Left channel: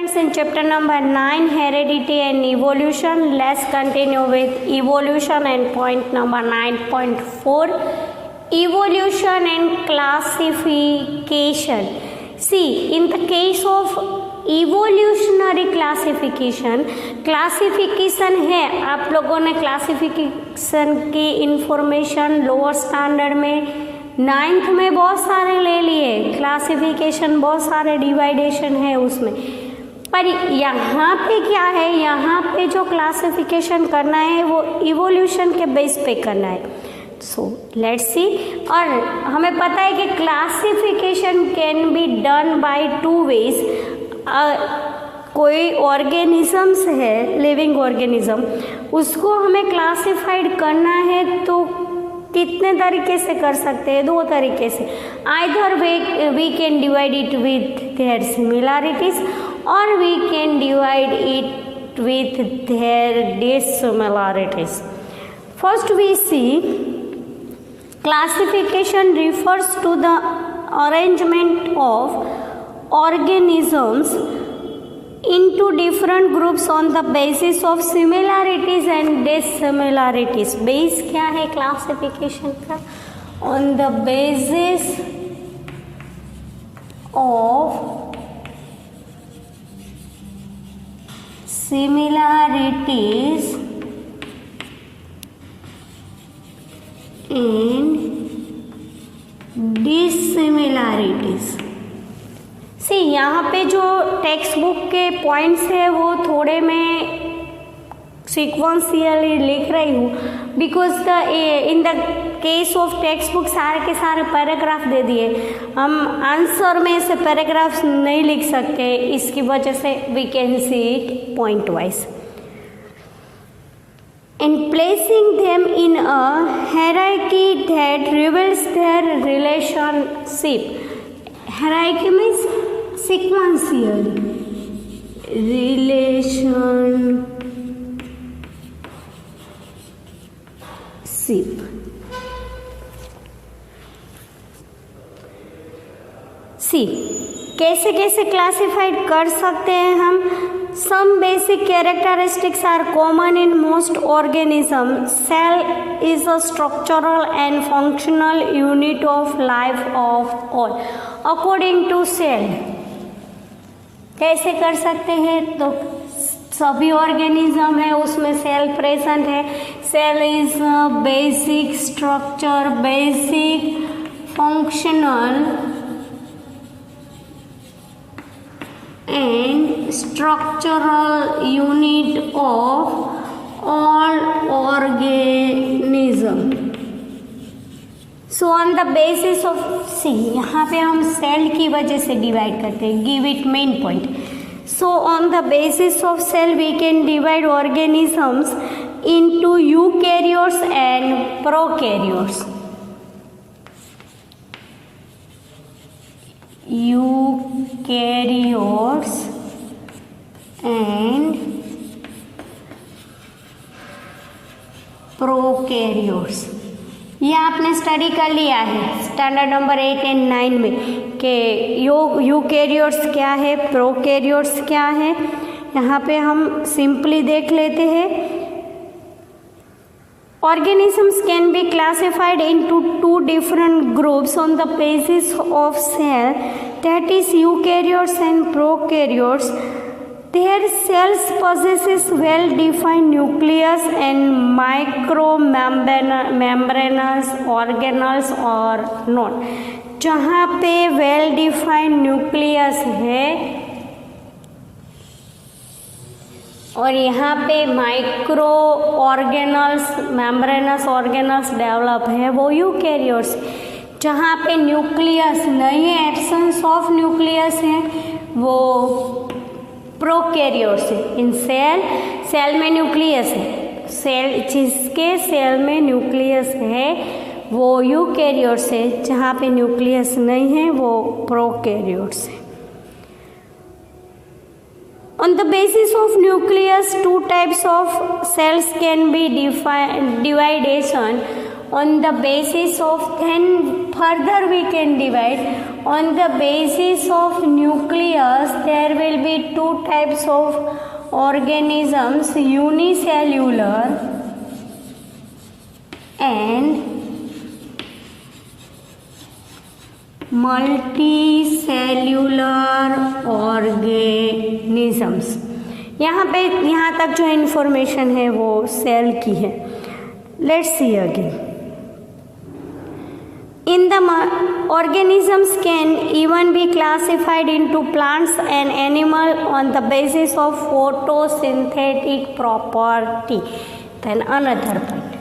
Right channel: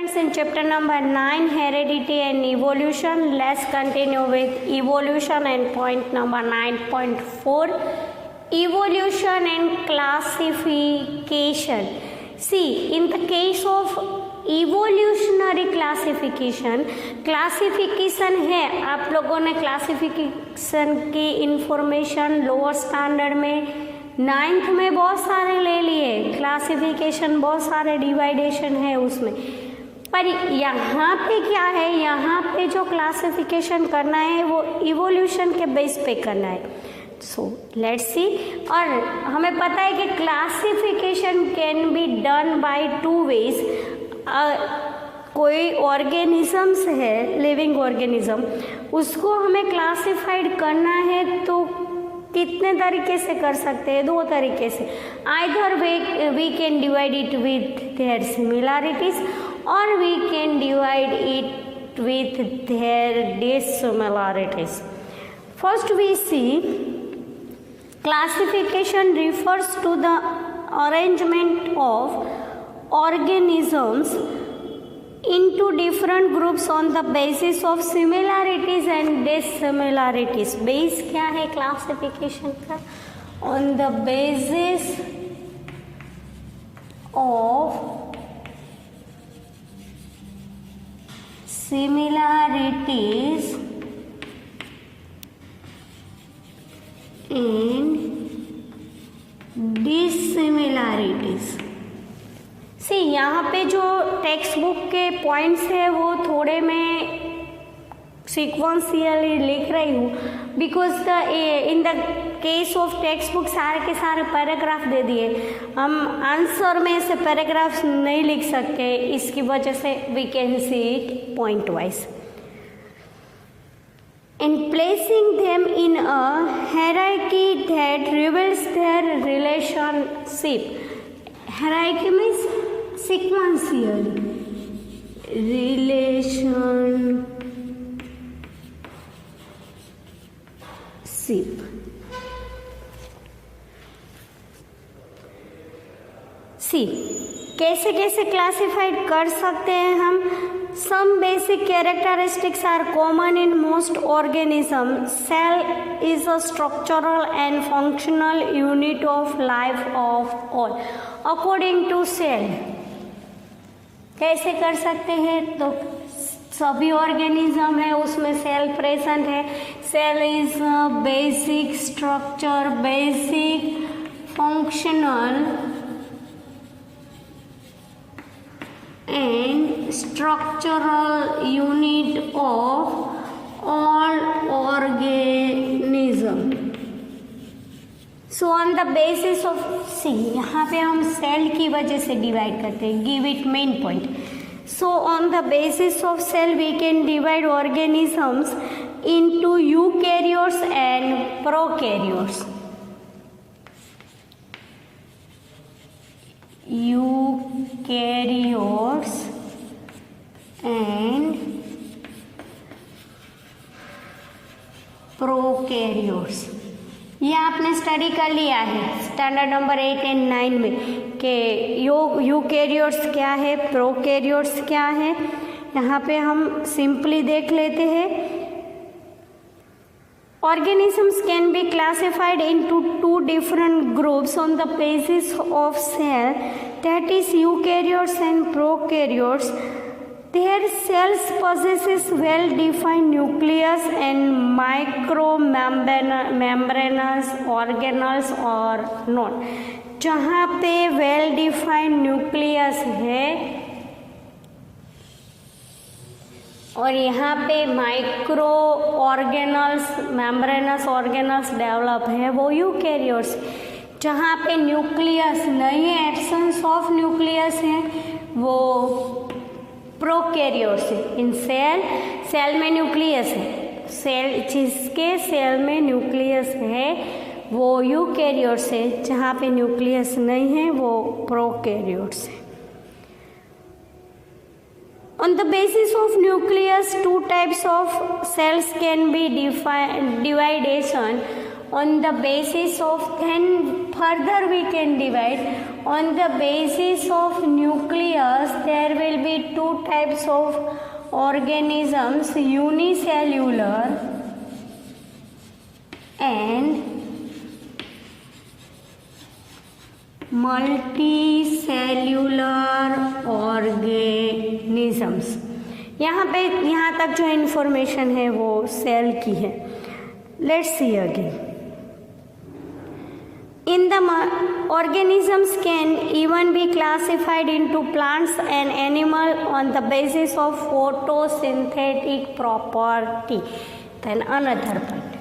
Friends, in chapter number 9, heredity and evolution, let's continue with evolution and point number 9.4, evolution and classification. See, in the case of evolutionary classification है, आप लोगों ने classification की information lower standard में 9th में बहुत सारे ले लिए, क्लासिफिकेशन बहुत सारे डिवाइडेशन है उसमें, पर यहाँ पे क्या है, यहाँ पे जो क्लासिफिकेशन करना है वो इवोल्यूशन के बेस पे करना है. So let's see. और हमें पता है कि classification can be done by 2 ways. कोई ऑर्गेनिजम्स है, लिविंग ऑर्गेनिज्म, उसको हमें क्लासिफाइड करना है तो कितने तरीके से कर सकते हैं? 2 तरीके से. Either we can divide it with their similarities और we can divide it with their dissimilarities. First we see classification refers to the arrangement of organisms into different groups on the basis of similarities and dissimilarities. Base क्या है classification का? On the basis of similarities and dissimilarities. सी यहाँ पे जो text book के points है वो थोड़े मैं सीक्वेंशियली लिख रही हूँ, because in the case of text book सारे के सारे पैराग्राफ दे दिए, हम आंसर में से पैराग्राफ्स नहीं लिख सकते, इसकी वजह से we can see it point wise. And placing them in a hierarchy that reveals their relationship. Hierarchy means sequential relationship. See, कैसे कैसे क्लासिफाइड कर सकते हैं हम? Some basic characteristics are common in most organisms. Cell is a structural and functional unit of life of all. According to Cell, कैसे कर सकते हैं? तो सभी ऑर्गेनिज्म है उसमें सेल प्रेजेंट है. Cell is basic structure, basic functional and structural unit of all organism. So on the basis of C, यहाँ पे हम सेल की वजह से डिवाइड करते हैं, give it main point. So on the basis of cell we can divide organisms into eukaryotes and prokaryotes. Eukaryotes and prokaryotes. ये आपने स्टडी कर लिया है स्टैंडर्ड नंबर 8 एंड 9 में कि यूकैरियोट्स क्या है, प्रोकैरियोट्स क्या है. यहाँ पे हम सिंपली देख लेते हैं. Organisms can be classified into 2 different groups on the basis of cell, that is eukaryotes and prokaryotes. Their cells possesses well-defined nucleus and micromembranous organelles or not. जहाँ पे well-defined nucleus है और यहाँ पे micro organelles, membranes organelles develop है, वो eukaryotes. जहाँ पे न्यूक्लियस नहीं है, एब्सेंस ऑफ न्यूक्लियस है, वो प्रोकैरियोट्स है. इन सेल में न्यूक्लियस है, सेल जिसके सेल में न्यूक्लियस है वो यूकैरियोट्स है, जहाँ पे न्यूक्लियस नहीं है वो प्रोकैरियोट्स है. On the basis of nucleus, 2 types of cells can be divided. On the basis of, then further we can divide on the basis of nucleus there will be two types of organisms, unicellular and multicellular organisms. यहाँ तक जो information है वो cell की है. Let's see again. In the organisms can even be classified into plants and animal on the basis of photosynthetic property. Then another point.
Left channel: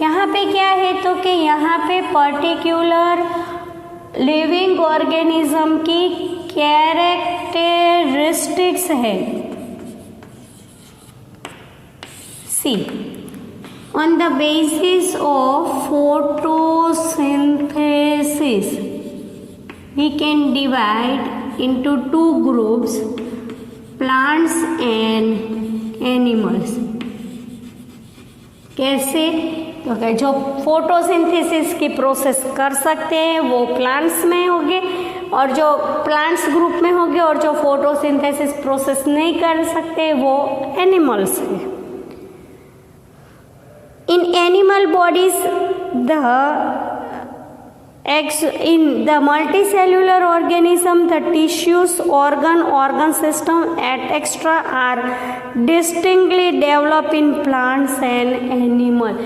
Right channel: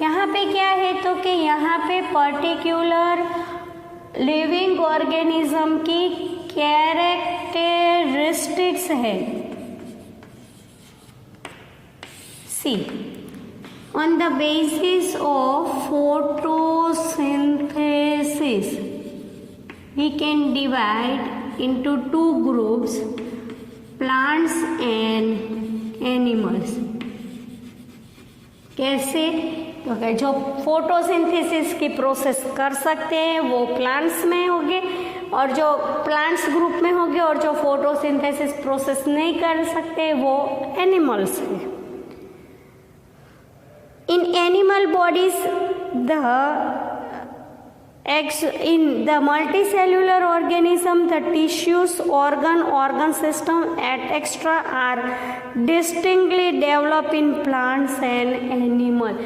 यहाँ पे क्या है तो कि यहाँ पे पर्टिकुलर लिविंग ऑर्गेनिज्म की कैरेक्टरिस्टिक्स है. सी, on the basis of photosynthesis we can divide into two groups, plants and animals. कैसे? तो जो फोटोसिंथेसिस की प्रोसेस कर सकते हैं वो प्लांट्स में होंगे और जो प्लांट्स ग्रुप में होंगे और जो फोटोसिंथेसिस प्रोसेस नहीं कर सकते वो एनिमल्स हैं. In animal bodies, in the multicellular organism, the tissues, organ system, etc. are distinctly developed in plants and animals.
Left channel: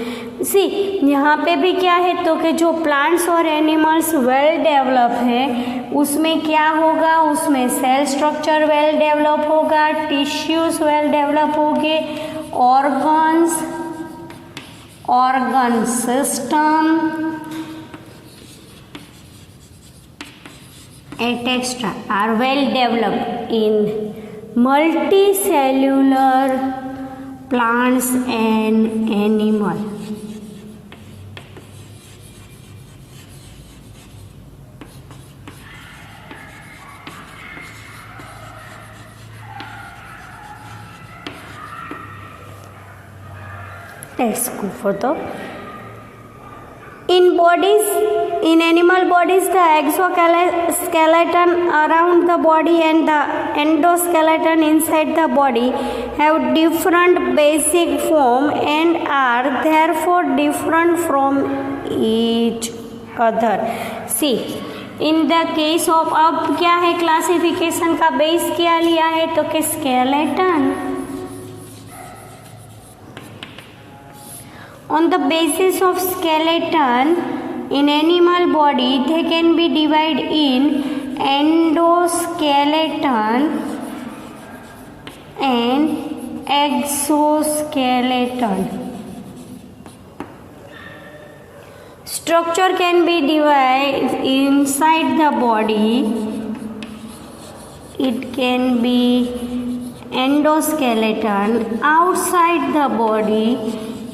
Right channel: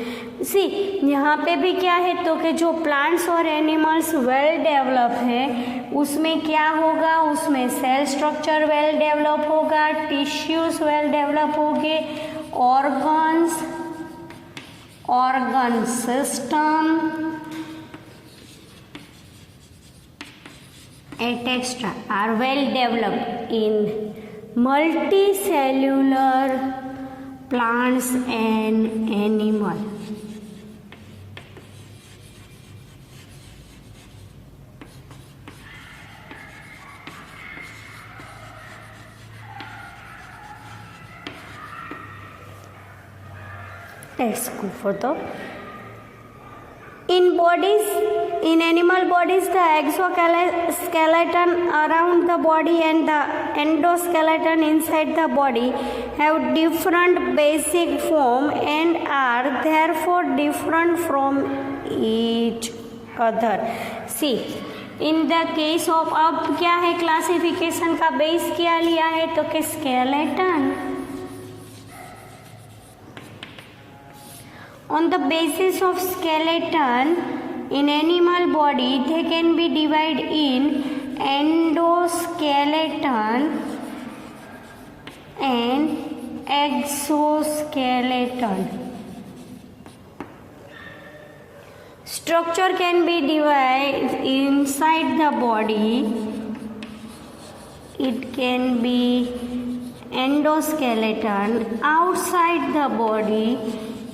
See, यहाँ पे भी क्या है तो कि जो प्लांट्स और एनिमल्स वेल डेवलप है उसमें क्या होगा, उसमें सेल स्ट्रक्चर वेल डेवलप होगा, टिश्यूज वेल डेवलप होंगे, organ system etc. are well developed in multicellular plants and animals. Let's go further. In animal bodies, the exoskeleton around the body and the endoskeleton inside the body have different basic form and are therefore different from each other. See, in the case of, अब क्या है classification का base क्या लिया है तो कि skeleton. On the basis of skeleton in animal body, they can be divided in endoskeleton and exoskeleton. Structure can be divided inside the body. It can be endoskeleton. Outside the body,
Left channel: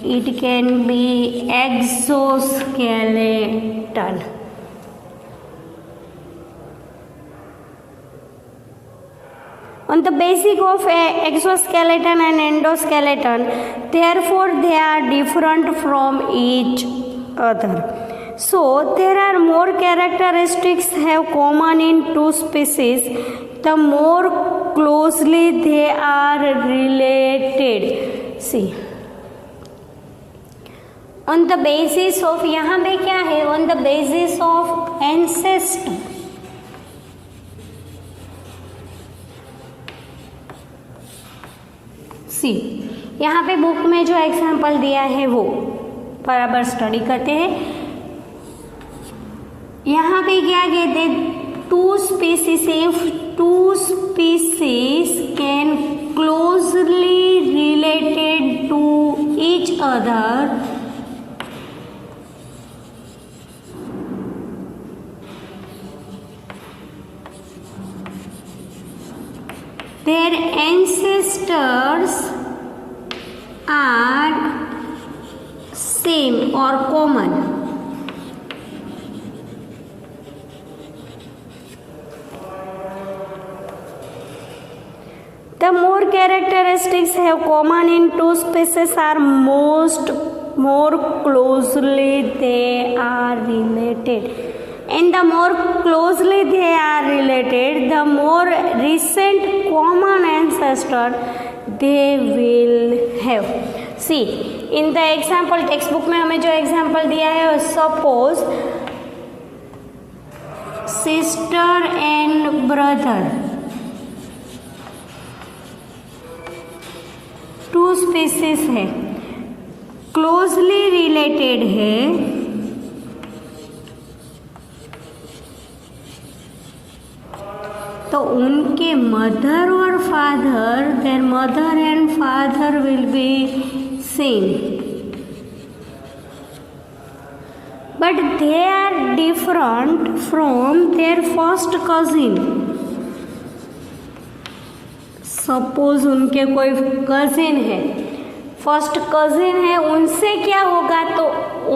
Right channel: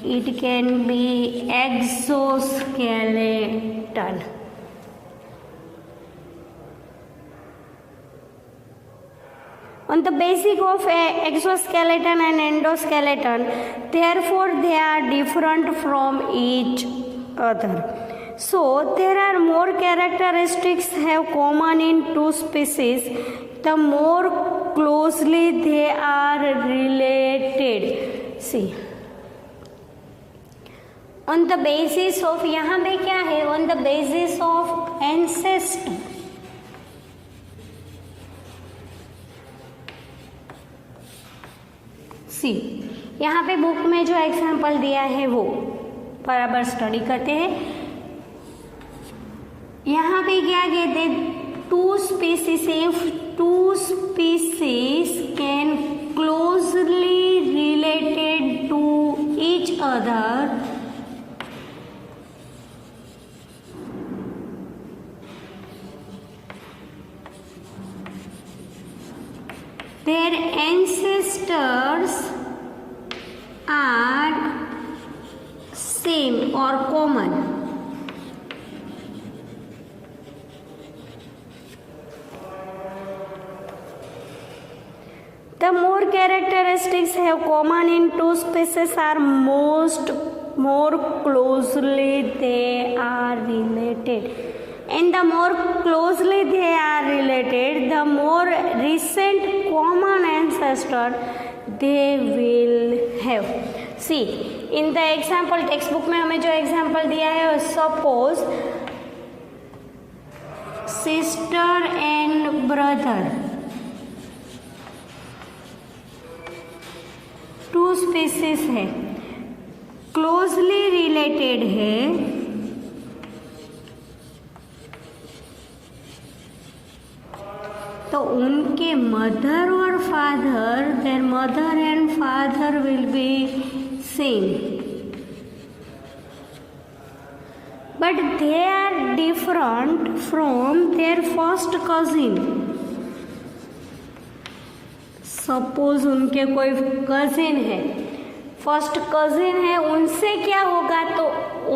it can be exoskeleton. On the basis of exoskeleton and endoskeleton, therefore they are different from each other. So there are more characteristics have common in two species, the more closely they are related. See, on the basis of, यहाँ पे क्या है, on the basis of ancestor. सी, यहाँ पे book में जो example दिया है वो बराबर स्टडी करते हैं. यहाँ पे क्या कहते हैं, two species can closely related to each other their ancestors are same or common. The more characteristics have common in two species are more closely they are related. and the more closely they are related, the more recent common ancestor they will have. See, in the example textbook में हमें जो example दिया है, suppose sister and brother, two species है, closely related है, तो उनके mother और father, their mother and father will be same, but they are different from their first cousin. Suppose उनके कोई कजिन है, फर्स्ट कजिन है, उनसे क्या होगा, तो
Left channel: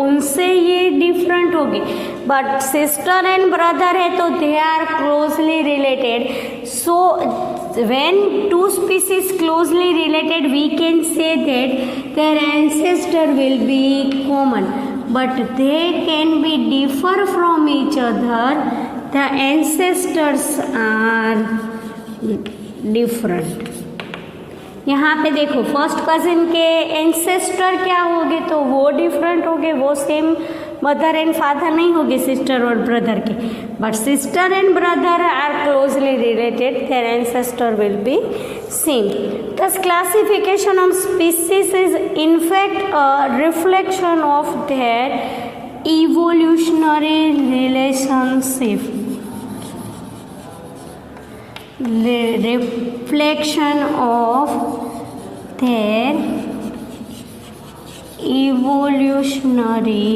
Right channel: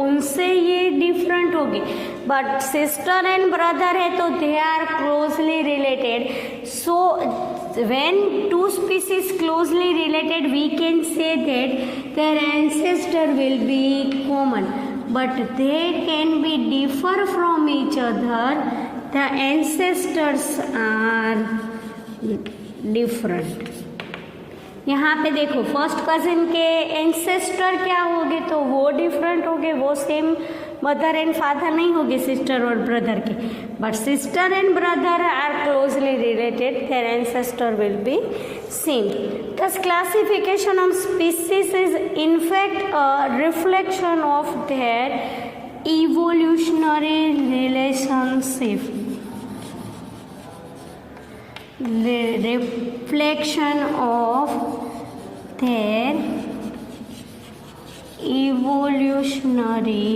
उनसे ये डिफरेंट होगी. बट सिस्टर एंड ब्रदर है तो they are closely related. So when two species closely related, we can say that their ancestor will be common, but they can be differ from each other. The ancestors are different. यहाँ पे देखो, first cousin के ancestor क्या होंगे, तो वो different होंगे, वो सेम मदर एंड फादर नहीं होगी सिस्टर और ब्रदर के. But sister and brother are closely related, their ancestor will be same. Thus classification of species is in fact a reflection of their evolutionary relationship. Reflection of their evolutionary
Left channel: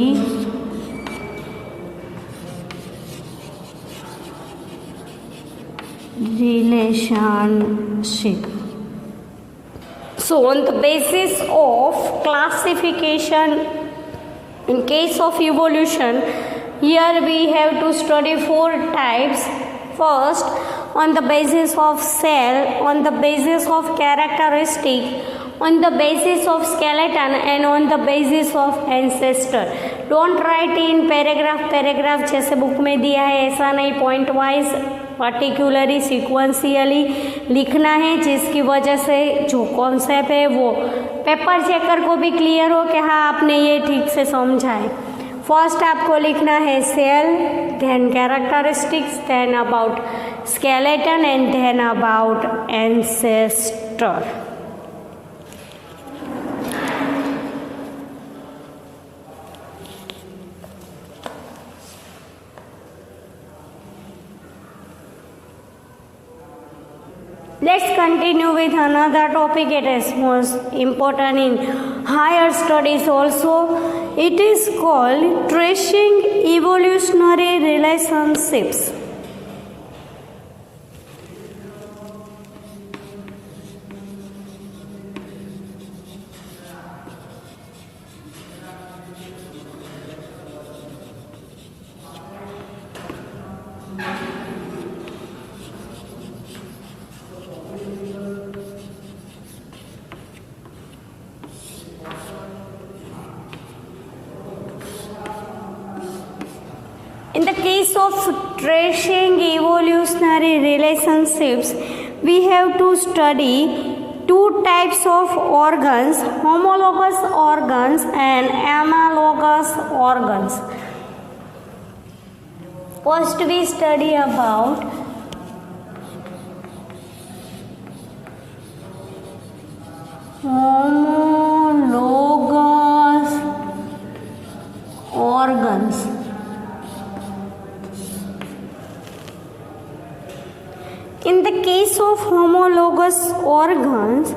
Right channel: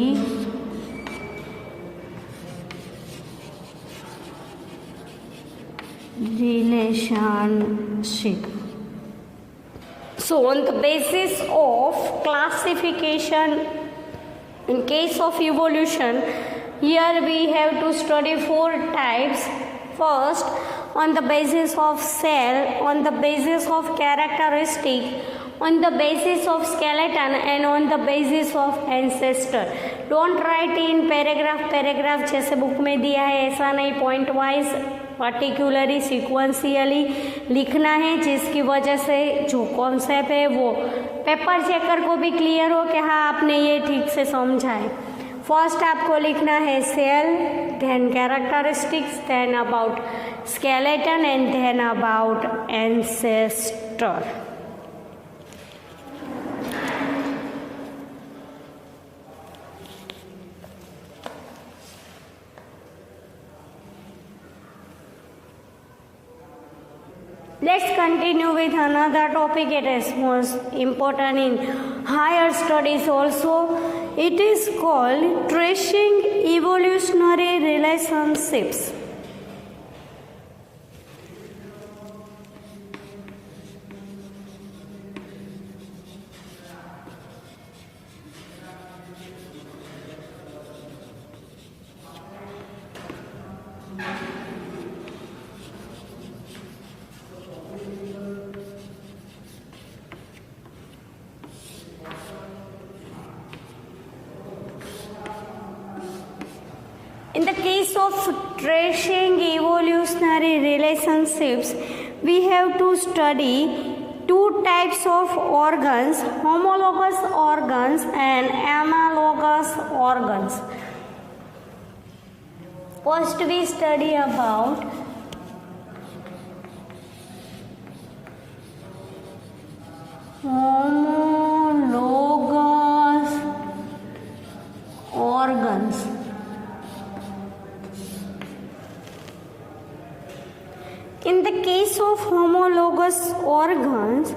relationship. So on the basis of classification, in case of evolution, here we have to study 4 types. First, on the basis of cell, on the basis of characteristic, on the basis of skeleton, and on the basis of ancestor. Don't write in paragraph जैसे book में दिया है, ऐसा नहीं, point wise particularly sequentially लिखना है, जिसकी वजह से जो कॉन्सेप्ट है वो पेपर चेकर को भी क्लियर हो कि हाँ आपने ये ठीक से समझा है. फर्स्ट आपको लिखना है cell, then characteristics, then about skeleton, and then about ancestor. Let's continue with another topic. It is most important in higher studies also. It is called tracing evolutionary relationships. In the case of tracing evolutionary relationships, we have to study 2 types of organs, homologous organs and analogous organs. First we study about homologous organs. In the case of homologous organs,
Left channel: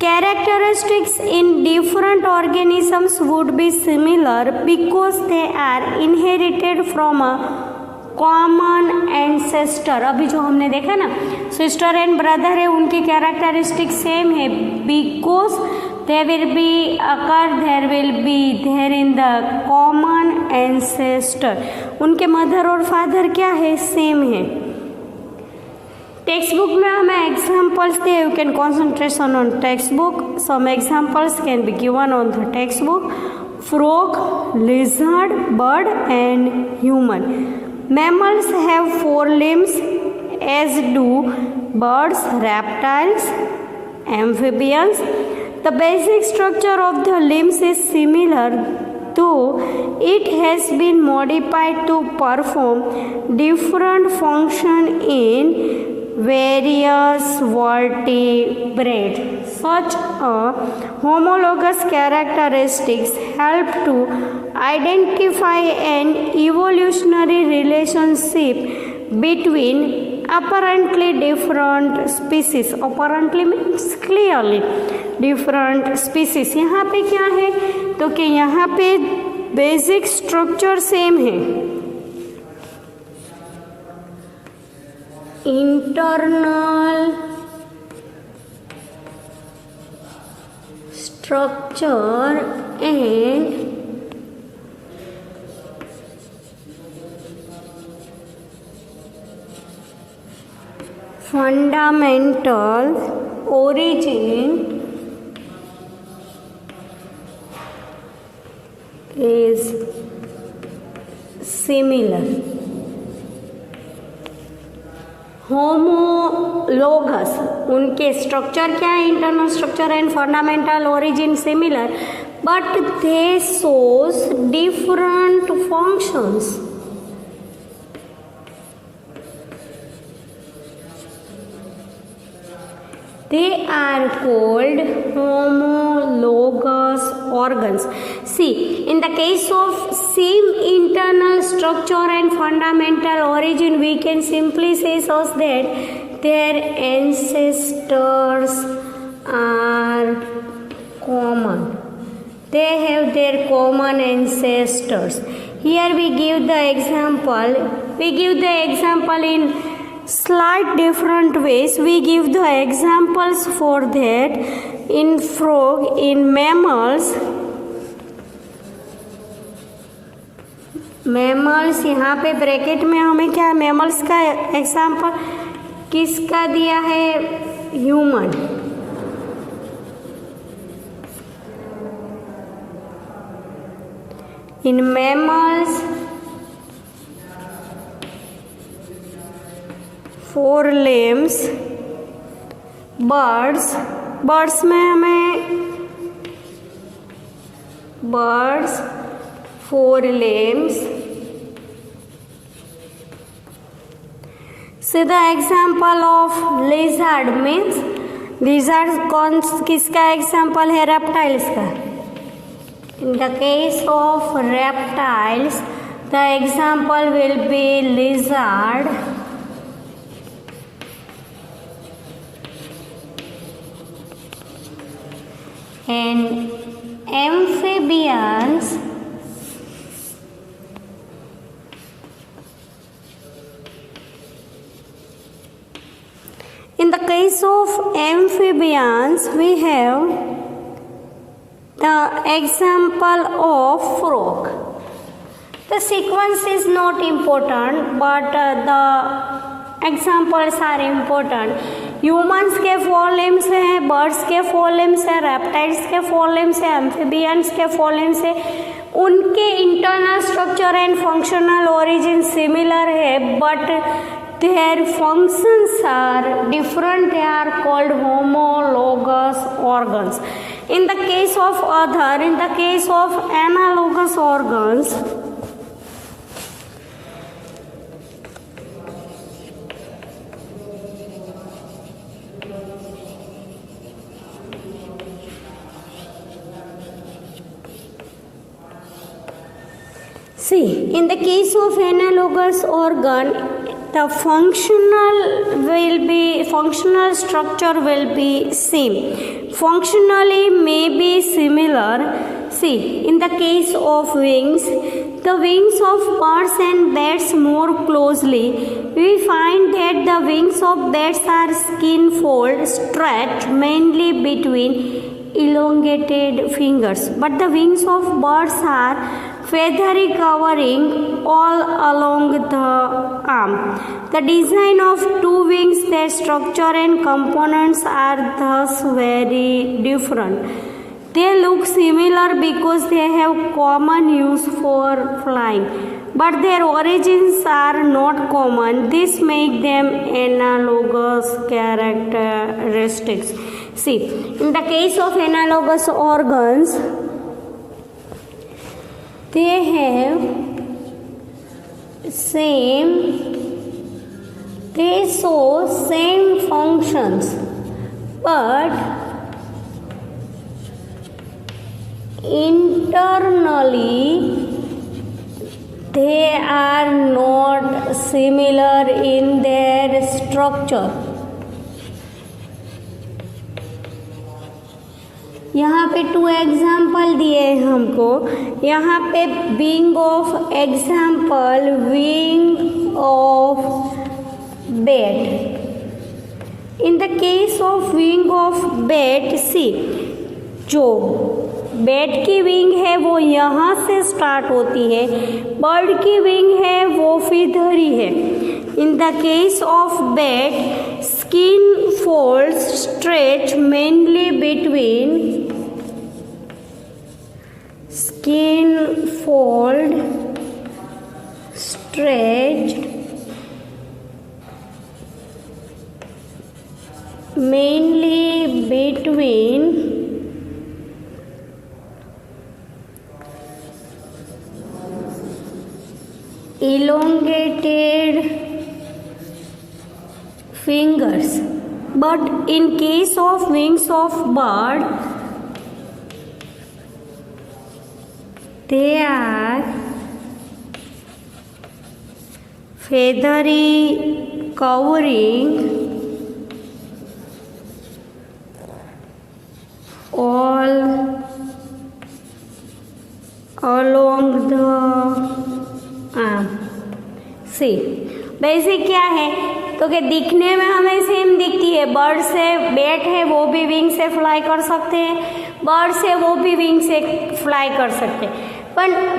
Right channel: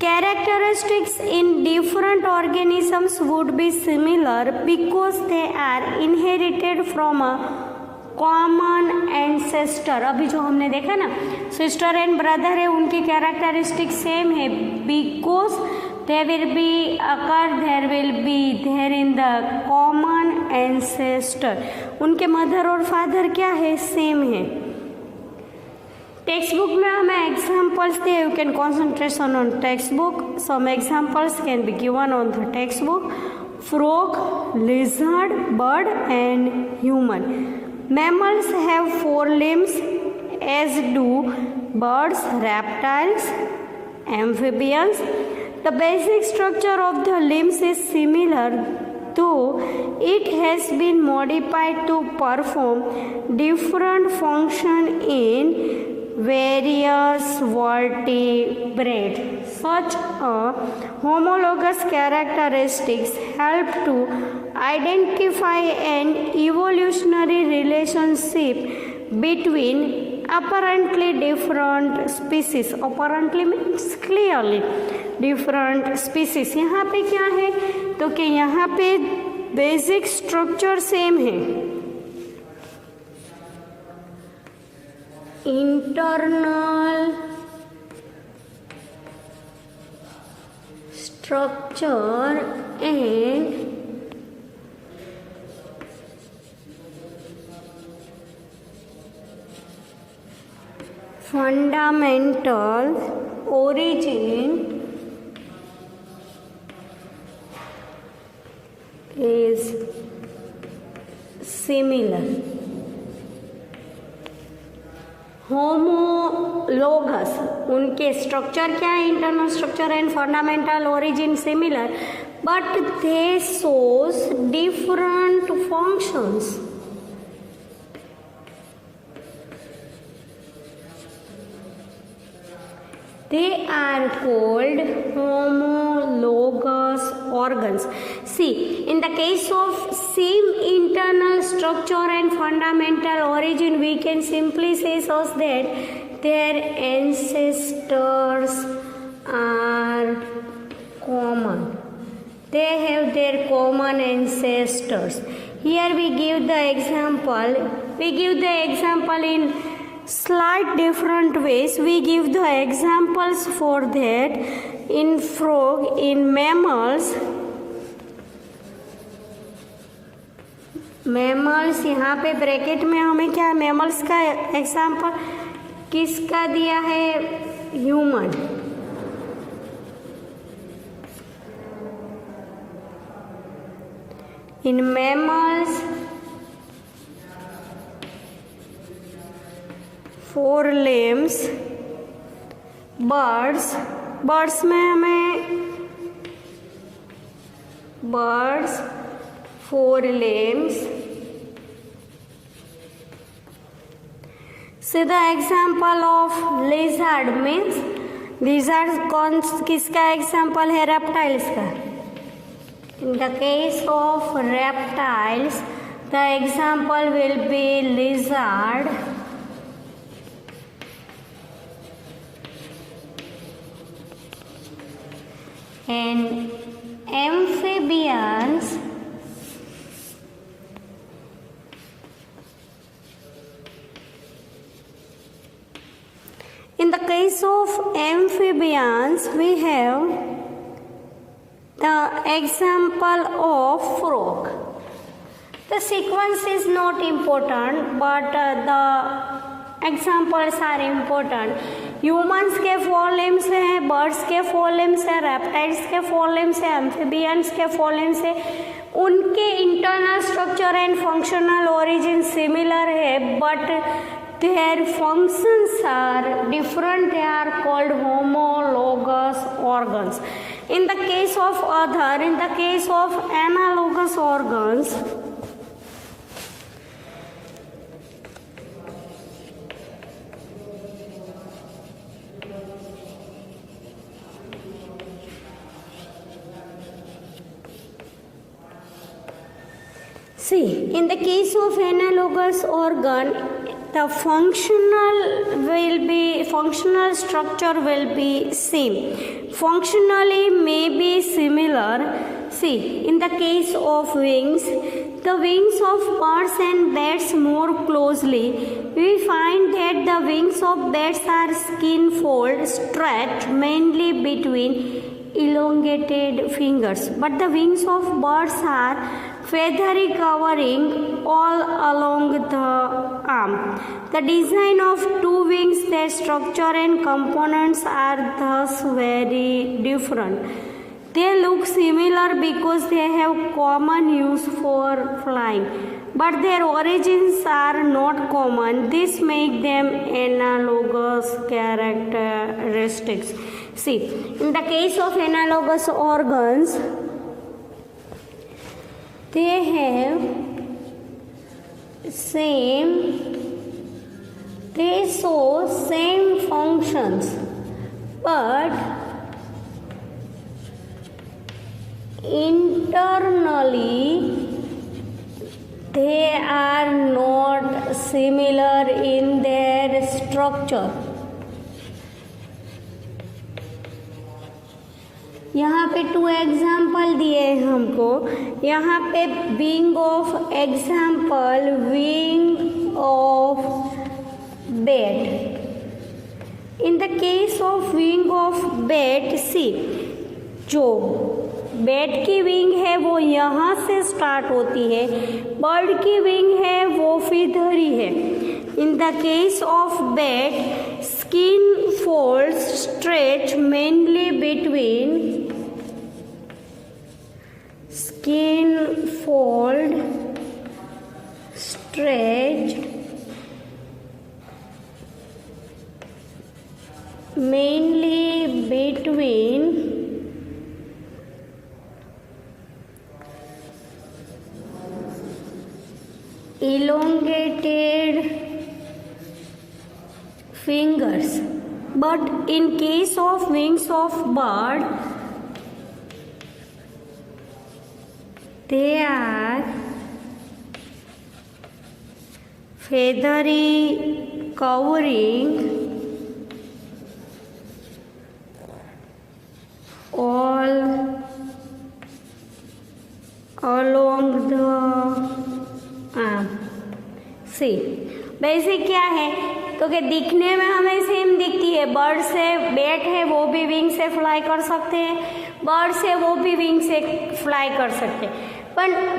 characteristics in different organisms would be similar because they are inherited from a common ancestor. अभी जो हमने देखा ना, sister and brother है, उनकी characteristic same है, because there will be there in the common ancestor. उनके mother और फादर क्या है, सेम है. टेक्स्ट बुक में हमें एग्जाम्पल्स दिए, you can concentration on text book. Some examples can be given on the text book. Frog, lizard, bird and human. human. Mammals have 4 limbs, as do birds, reptiles, amphibians. The basic structure of the limbs is similar, though it has been modified to perform different functions in various vertebrates. Such homologous characteristics help to identify an evolutionary relationship between apparently different species. Apparently means clearly different species. यहाँ पे क्या है तो कि यहाँ पे basic structure same है. Internal structure and fundamental origin is similar. Homologous उनके स्ट्रक्चर क्या है, internal structure and fundamental origin similar, but they shows different functions. They are called homologous organs. See, in the case of same internal structure and fundamental origin, we can simply say so that their ancestors are common. They have their common ancestors. Here we give the example. We give the example in slight different ways. We give the examples for that. In frog, in mammals, यहाँ पे bracket में हमें क्या mammals का example किसका दिया है, human. In mammals 4 limbs. Birds में हमें birds 4 limbs. See the example of lizard means lizard कौन किसका एग्जाम्पल है, reptiles का. In the case of reptiles, the example will be lizard. And amphibians, in the case of amphibians, we have the example of frog. The sequence is not important, but the examples are important. Humans के 4 limbs हैं, birds के 4 limbs हैं, reptiles के 4 limbs हैं, amphibians के 4 limbs हैं. उनके internal structure and functional origin similar है, but their functions are different. They are called homologous organs. In the case of other, in the case of analogous organs, see, in the case of analogous organ, the functional structure will be same. Functionally may be similar. See, in the case of wings, the wings of birds and bats more closely. We find that the wings of bats are skin fold stretched mainly between elongated fingers, but the wings of birds are feathery covering all along the arm. The design of 2 wings, their structure and components are thus very different. They look similar because they have common use for flying, but their origins are not common. This makes them analogous characteristics. See, in the case of analogous organs, they have they show same functions, but internally they are not similar in their structure. यहाँ पे 2 example दिए हैं हमको. यहाँ पे wing of example, wing of bat. In the case of wing of bat, see, जो bat की wing है वो यहाँ से स्टार्ट होती है, बर्ड की विंग है वो इधर ही है. इन the case of bat, skin folds stretch mainly between skin fold stretched mainly between elongated fingers. But in case of wings of bird, they are feathery covering all along the arm. See, basic क्या है तो कि दिखने में हमें same दिखती है. Bird से बैट है वो भी विंग से फ्लाई कर सकते हैं, बर्ड से वो भी विंग से फ्लाई कर सकते हैं,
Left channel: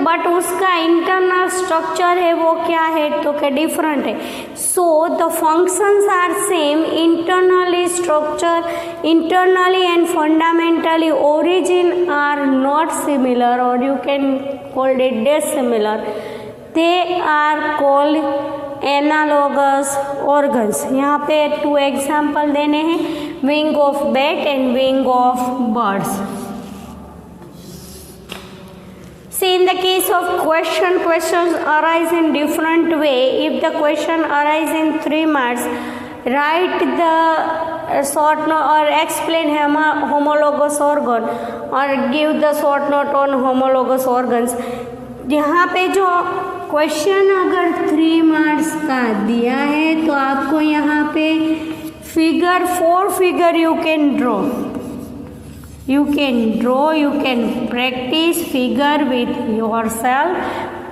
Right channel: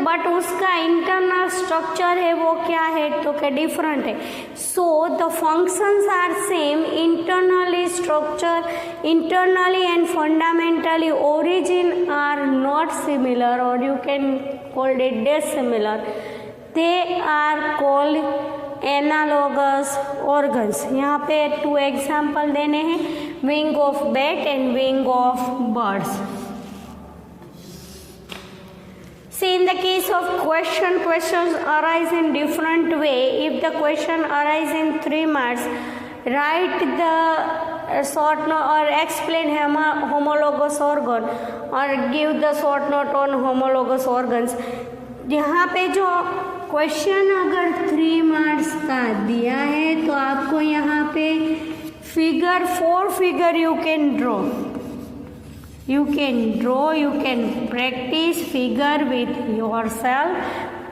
बट उसका इंटरनल स्ट्रक्चर है वो क्या है तो क्या डिफरेंट है. So the functions are same, internally structure, internally and fundamentally origin are not similar, और you can called it dissimilar. They are called analogous organs. यहाँ पे 2 एग्जाम्पल देने हैं, wing of bat and wing of birds. See, in the case of questions arise in different way. If the question arise in 3 marks, write the short note or explain homologous organ or give the short note on homologous organs. यहाँ पे जो question अगर 3 marks का दिया है तो आपको यहाँ पे 4 figure you can draw. You can practice figure with yourself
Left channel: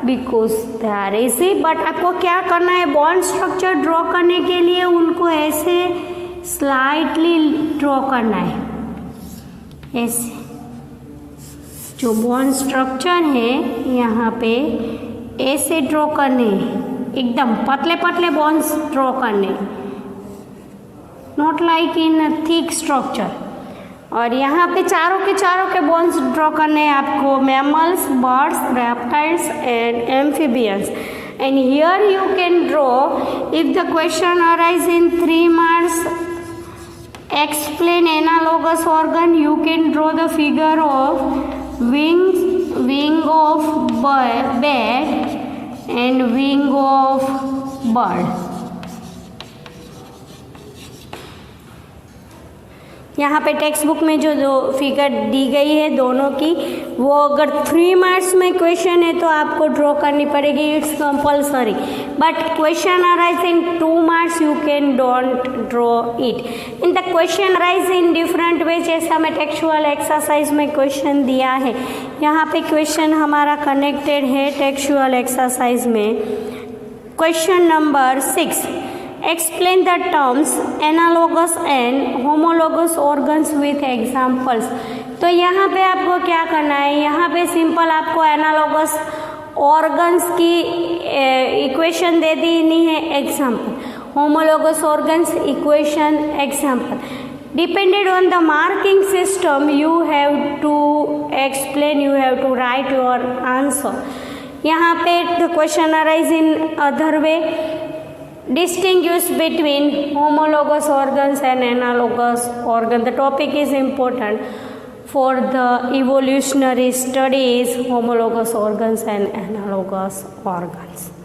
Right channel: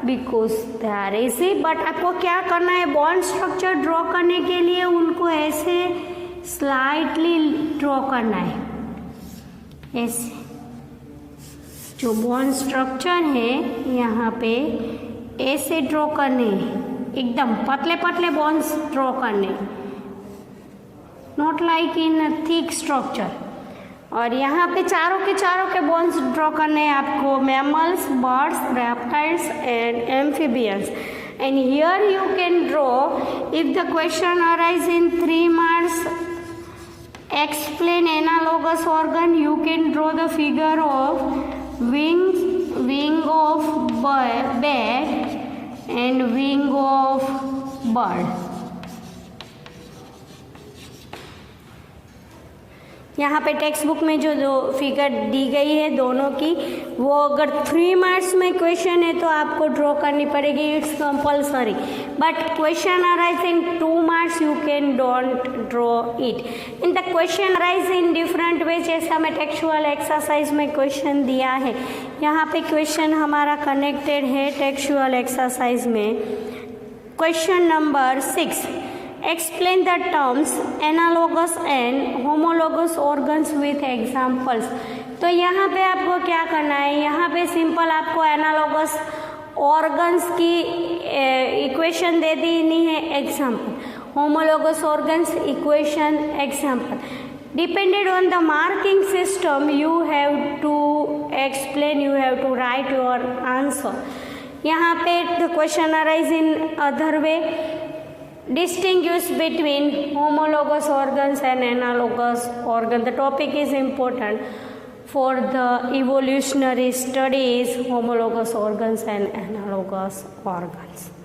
because there is it. But आपको क्या करना है, बॉन्ड स्ट्रक्चर ड्रॉ करने के लिए उनको ऐसे स्लाइटली ड्रॉ करना है. ऐसे जो बॉन्ड स्ट्रक्चर है यहाँ पे ऐसे ड्रॉ करने हैं, एकदम पतले पतले बॉन्ड्स ड्रॉ करने, not like in thick structure. और यहाँ पे चारों के बोन्स ड्रॉ करने हैं आपको, mammals, birds, reptiles and amphibians. And here you can draw, if the question arise in 3 marks, explain analogous organ, you can draw the figure of wing of bat and wing of bird. यहाँ पे text book में जो figure दी गई है दोनों की, वो अगर 3 मार्क्स में क्वेश्चन है तो आपको ड्रॉ करनी पड़ेगी, it's compulsory. But question arise in 2 marks, you can don't draw it. In the question arise in different way, जैसे हमें टेक्सचुअल एक्सरसाइज में क्वेश्चन दिया है, यहाँ पे क्वेश्चन हमारा कनेक्टेड है टेक्सचुअल एक्सरसाइज में. Question number 6, explain the terms analogous and homologous organs with examples. तो यहाँ पे आपको क्या करना है, यहाँ पे सिंपल आपको एनालॉगस ऑर्गन्स की इक्वेशन दे देनी है, example. Homologous organs equation, example. Depended on the marking system, you have to explain, you have to write your answer. यहाँ पे the question arise in other way. Distinguish between homologous organs and analogous organ. The topic is important for the evolutionary studies, homologous organs and analogous organs.